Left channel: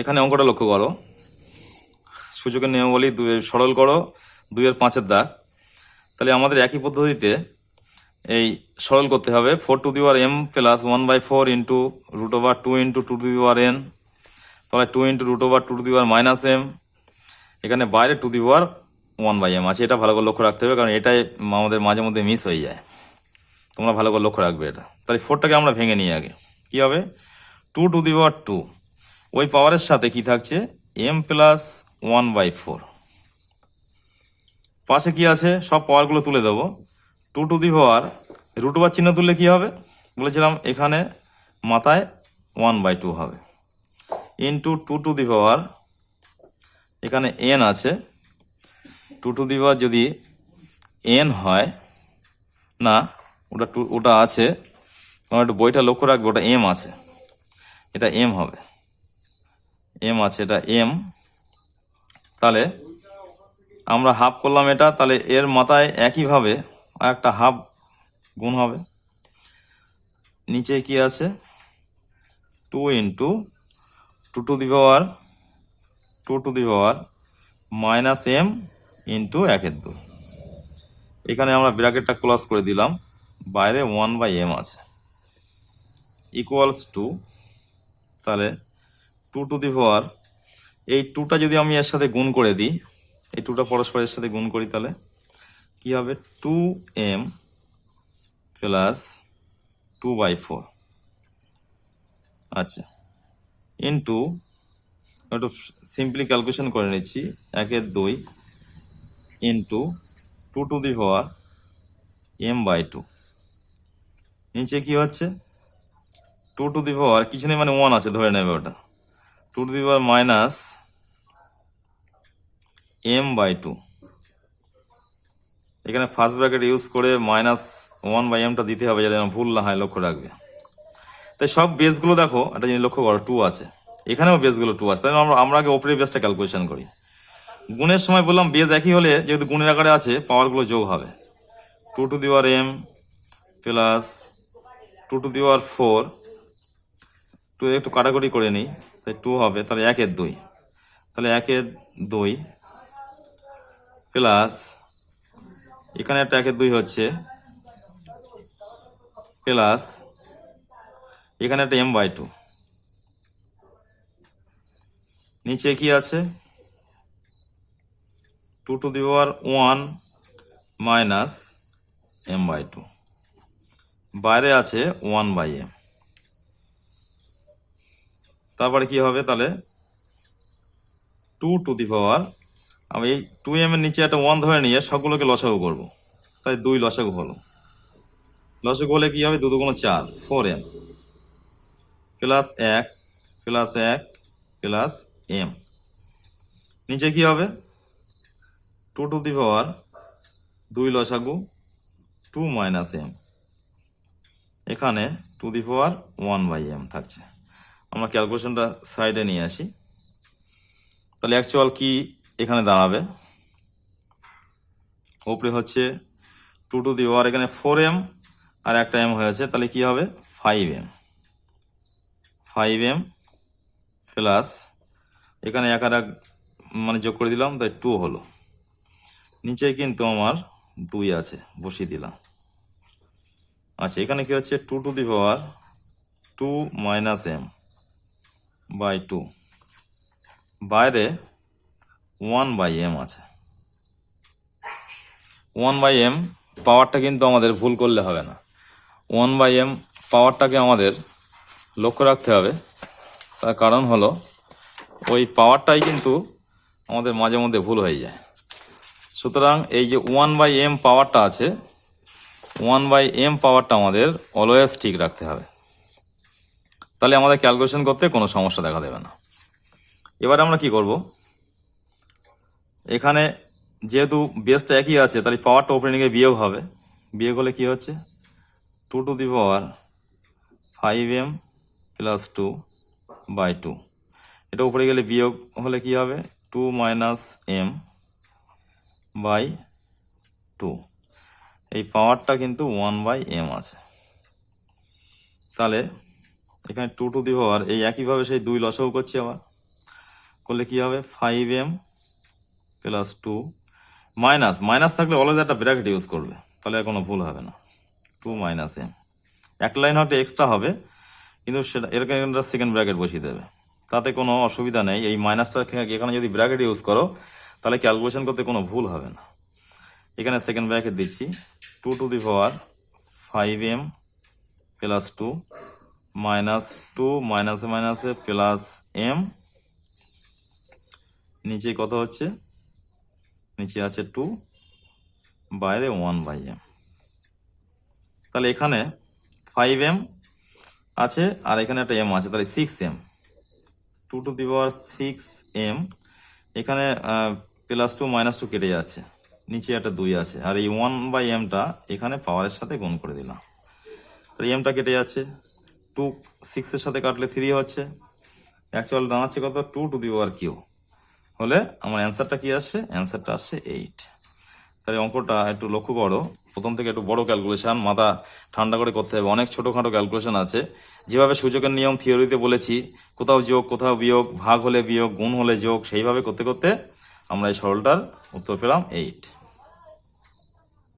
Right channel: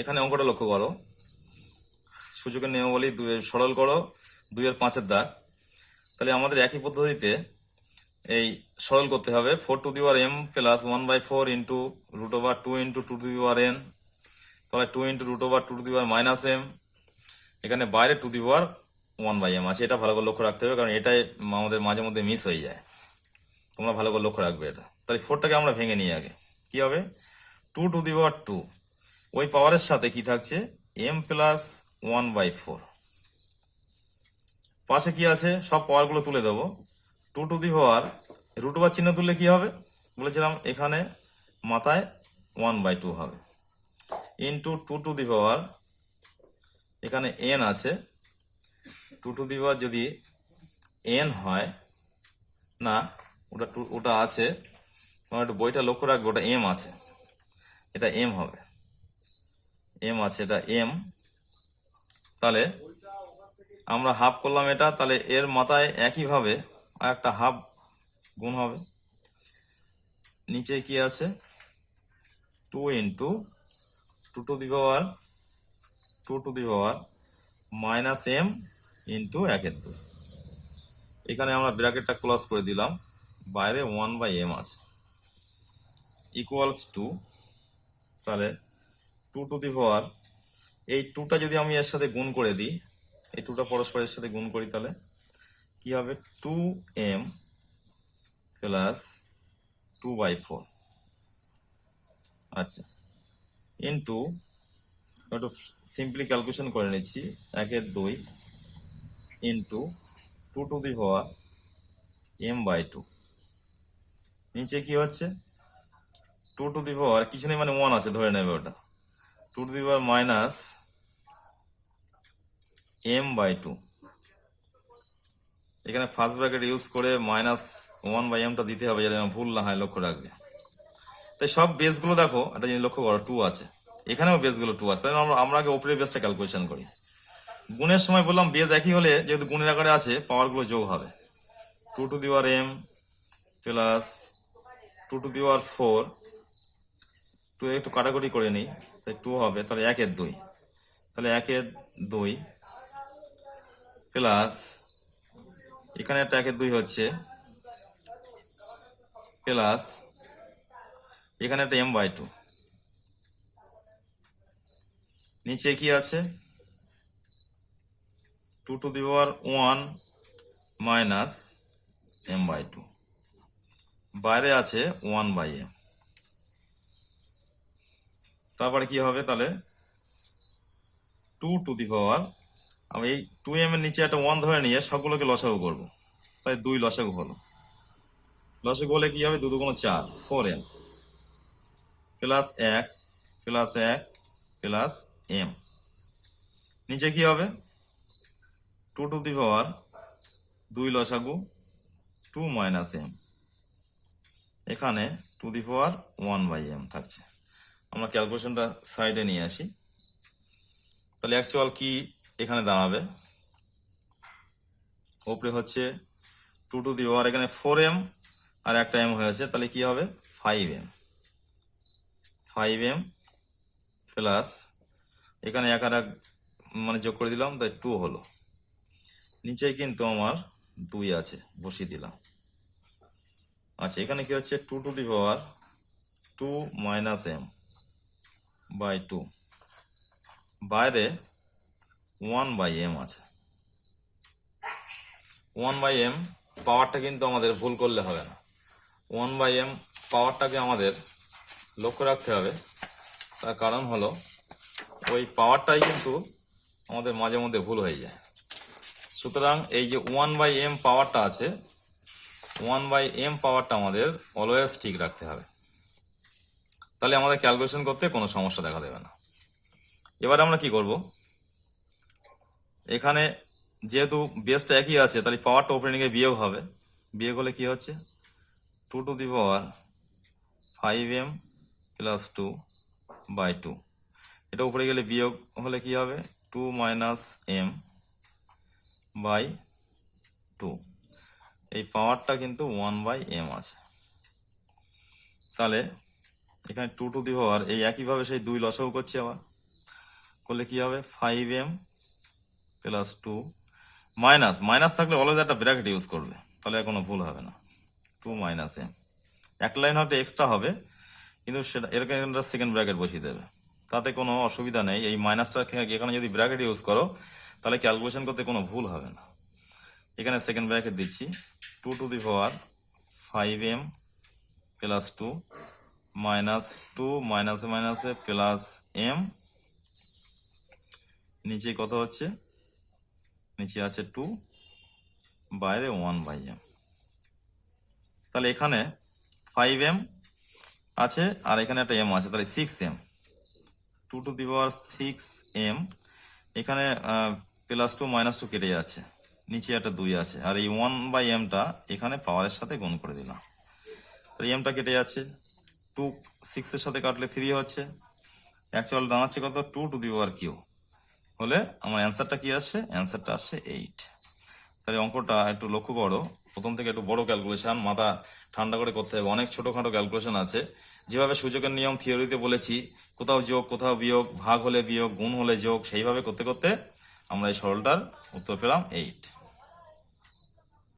এখানে অঙ্কটা লক্ষ্য করো, সূচকের নিয়মাবলী সরল করো 2-5 দাগ। তাহলে আমাদের একই পদ্ধতিতে এই সরল করতে হবে 4m plus 1/4 into √2 into 2n, তাহলে 2 ইন্টু √2 মাইনাস m, এখানে বাইরে 1/m আছে। এটা ভালো করে লক্ষ্য রাখতে হবে, কারণ এটাই আমাদের মাঝে মধ্যে মিস হয়ে যায়। তোমরা ভালো করে লক্ষ্য রাখবে এটা। তাহলে 4টাকে আমরা ভেঙে নিই আগে। কি হবে? 2 ওই পাওয়ারের সাথে কি থাকছে? m plus 1/4। পাশে কি আছে? সব পাওয়ারগুলো তুলে দেবো। 2 √2 চিহ্ন তুললে কি হবে? বলেছিলাম এখানে মাথায় 1/2 হবে, ইন্টু 2 এখানে n আছে। 2 যদি n হয় না, ওটা আছে, আমার একটু বইটা লক্ষ্য রাখবো, ওটা m আছে, এটা m হবে, m আছে, এটা m। তাহলে আমরা হাফ করলাম এটা, তাহলে এর মাথায় একইভাবে আর একটা হাফ গুণ হবে। নিচে কি আছে? 2 ইন্টু 2 মাইনাস m ইন্টু 1/2। এখানে আমরা ব্র্যাকেটটা ক্লোজ করে দিলাম, বাইরে 1/m আছে, ইকুয়ালস টু, তাহলে 2 এই 2টা যদি আমি এর সাথে গুণ করে দিই, এই 2টা পরস্পরের সাথে গুণ করি, তাহলে কি হবে? 2m প্লাস 2/4, আচ্ছা, ইন্টু, একটু সিম্পলি ক্যালকুলেশন করে নিচ্ছি, 1/2 ইন্টু 2m/2। নিচে কি হচ্ছে? 2 কিছু নেই, মানে 1 আছে, ধরে নেবে ওটা। 2 মাইনাস m/2, এখানে ফার্স্ট ব্র্যাকেট ইউজ করে মাইনাস 1/mটা দিতে হবে, যাতে ভুল না হয়, লক্ষ্য রাখবে। তাই সব বেসগুলো দেখো, একটা জিনিস লক্ষ্য করো, 2 আছে, এখানেও বেসগুলো 2 আছে। তাই আমরা আগে ওপরের বেসটা ক্যালকুলেশন করি। গুণের সময় বললাম বেস একই হলে, যেহেতু গুণের আকারে আছে, পাওয়ারগুলো যোগ হবে। 2m প্লাস 2/4, 2 একটু কাটাকুটি করে নিই, তাই 2 হবে, তাহলে 1/2, তাহলে 1/2 প্লাস, এখানে একটা 1/2 হচ্ছে, প্লাস এখানে একটা m/2। নিচে কি আছে? 2 মাইনাস m/2, বাইরে আছে 1/m। তারপরে কি হবে? তাহলে 2 আমি এই 2m এর নিচে একটা 1 ধরে নিয়ে সবগুলোকে লসাগু করব, তাই 2 লসাগু হলো। লসাগু হলে কি হবে? 2 × 4, 4m plus 1 plus 1 plus m। নিচে কি হবে? 2 লসাগু 2 মাইনাস m, এখানে 1/m থাকছে। আমরা ক্যালকুলেশনটা সাইডে নিয়ে আসি। তাহলে অ্যাকচুয়াল কি এখানে দাঁড়াবে? উপরে হচ্ছে 2 এখানে 4m আর একটা m হয়েছে, তাহলে কি হবে? 5m প্লাস, এখানে এক আর এক মানে যোগ করে দিলাম, তাই 2 হলো। নিচে কিন্তু আমার 2 আছে, বসিয়ে দিলাম। আচ্ছা, এখানে কি হচ্ছে? 2 মাইনাস m/2, বাইরে 1/m আছে। 1/m পাওয়ারটা কিন্তু আমাদের ভুল করলে হবে না। 1/m পাওয়ারটাকে আমাদের লক্ষ্য রাখতে হবে, তার কারণ হলো ওই পাওয়ারটাই কিন্তু আমাদের মাঝে মধ্যে ভুল হয়ে যায়। সুতরাং এই যে 1/m পাওয়ারটা আছে, 1/m পাওয়ারটা আমাদের অলওয়েজ ঠিক রাখতে হবে, তাহলে আমাদের ক্যালকুলেশন করতে কোনো সমস্যা দেখা দেবে না। এবার আমরা কি করব? এখানে যেহেতু বেসটা একই আছে, তাহলে পাওয়ারটা ওপেনিংয়ে বিয়োগ হবে। বিয়োগ হলে কি হচ্ছে? 2 5m প্লাস 2/2, এটা উপরে গেলে বিয়োগ হলে কি হবে? 2 মাইনাস m/2, এই পাওয়ারটা কিন্তু 1/m আছে। তাহলে এখানে 2 এই একইভাবে সেই 2 লসাগু করছি আবার, করলে কি হবে 5m প্লাস 2 মাইনাস মাইনাস থাকলে অলওয়েজ একটা ব্র্যাকেট ইউজ করবে, তাহলে আর কোনো ভুল হবে না। 2 মাইনাস m, এক লাইন হয়তো এক্সট্রা হবে, কিন্তু সেটা এরকম একটা সেকেন্ড ব্র্যাকেট বসিয়ে দেবে, তাতে কোনো অসুবিধা নেই। এই মাইনাসটা এখানে যদি ব্র্যাকেট ইউজ করো তাহলে ক্যালকুলেশন করতে কোনো ভুল হবে না। এখানে সেকেন্ড ব্র্যাকেট দিচ্ছি 2 to the power 5m plus 2 minus 2 মাইনাসে মাইনাসে প্লাস m, নিচে কত হচ্ছে, নিচে আছে 2, বাইরে 1/m। তাহলে এখানে 5m আছে আর এখানে একটা m আছে, তাহলে 6m, 2 to the power 6m। এখানে প্লাস 2 মাইনাস 2 কেটে যাচ্ছে, নিচে একটা 2 আছে, আর এই 1/mটা এখানে পাওয়ারের সাথে গুণ করে দিলাম, তাহলে mটা কেটে যাচ্ছে, 2 6 এর সাথে কাটলে 3 হচ্ছে, অ্যাকচুয়াল দাঁড়াচ্ছে কত 2 টু দি পাওয়ার কিউ, হলে আমার অ্যান্সারটা কি আসছে, অ্যান্সারটা আসছে 8। তাহলে অঙ্কটা একটু লক্ষ্য করো, প্রথম থেকে একটু বড় ক্যালকুলেশন, মাথা ঠান্ডা করে করতে হবে, অনেক ছোটখাটো ক্যালকুলেশন আছে। যেভাবে সূচকের নিয়ম থিওরিতে বলেছি, কোথাও যোগ কোথাও বিয়োগ, ভাগ হলে বিয়োগ, গুণ হলে যোগ, সেইভাবে করতে করতে আমরা এই সরলটার উত্তর পেলাম 8।